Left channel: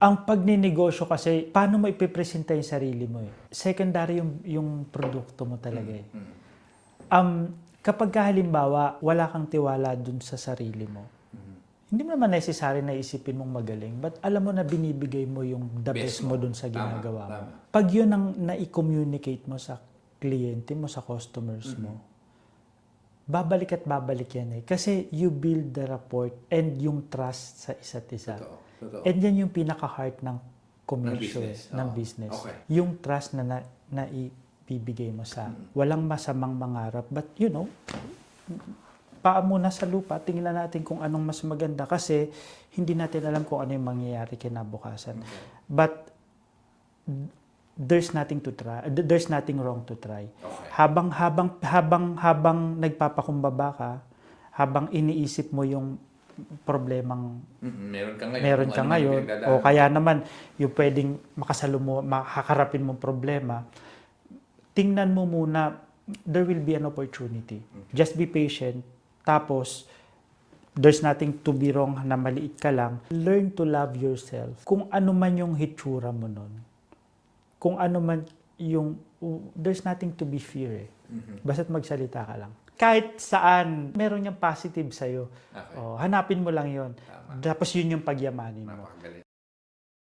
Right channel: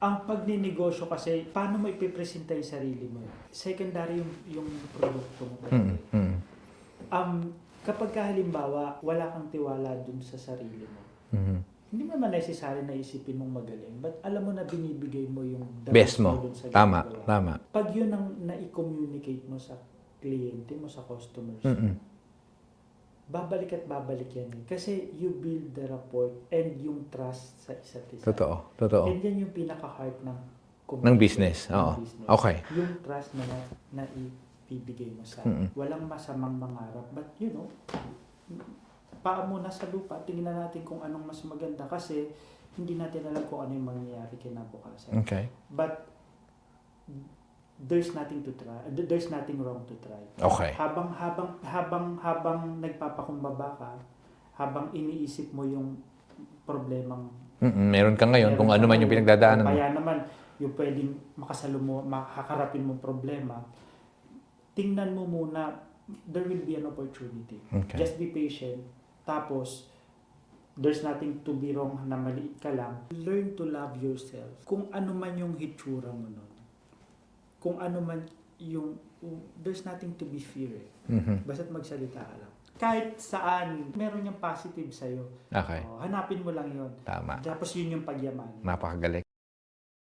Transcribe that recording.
Ang pagninegosyo kasi, paano mo ipipresenta yung sarili mo eh? Secondary yung produkto mo talaga eh. Kapag halimbawa, wala kang tiwala dun sa sarili mo, hindi mo naman necessary na isipin mong magaling, but alam mo na binibigay mo yung the best mo dun sa ginagawa. Tama. Pag yun ang na-communicate mo sa kliyente mo, sa customers mo, babalik at babalik yan eh. Kasi you build the rapport and yung trust sa isa't isa. Totoo. And yan yung pinaka-heart ng Ng business. ng Oo. business. Okay. Yung trust na ibibigay mo sa walang masamang mangarap. But you know, paa muna sa lupa, tingnan natin kung anong mas maganda kasi hindi natin alam kung ano yung mangyayari kinabukasan. Okay. But there's nothing to try. There's nothing wrong to try. Okay. Habang nagpapakumbaba ka, habang iniisip mo yung problemang Meron ka ngayon meron kung ka ano man yung ngayon, pinagdadaanan o kaya naman yung pwedeng makaharapin mo problema, tingnan mo muna, there will be an opportunity. Okay. Just be patient. Tapos, there's nothing to be wrong na maliit ka lang. Learn to love yourself. Kung ano man yung hitsura mo nun, kung ano man yung, there's nothing to be fear eh. Basta't magsalita ka lang. Kahit saan, meron yung positive sa'yo. Okay. Hanapin mo lang yon. Tama. Tapos yun yung pagyamanin. Napakagaling.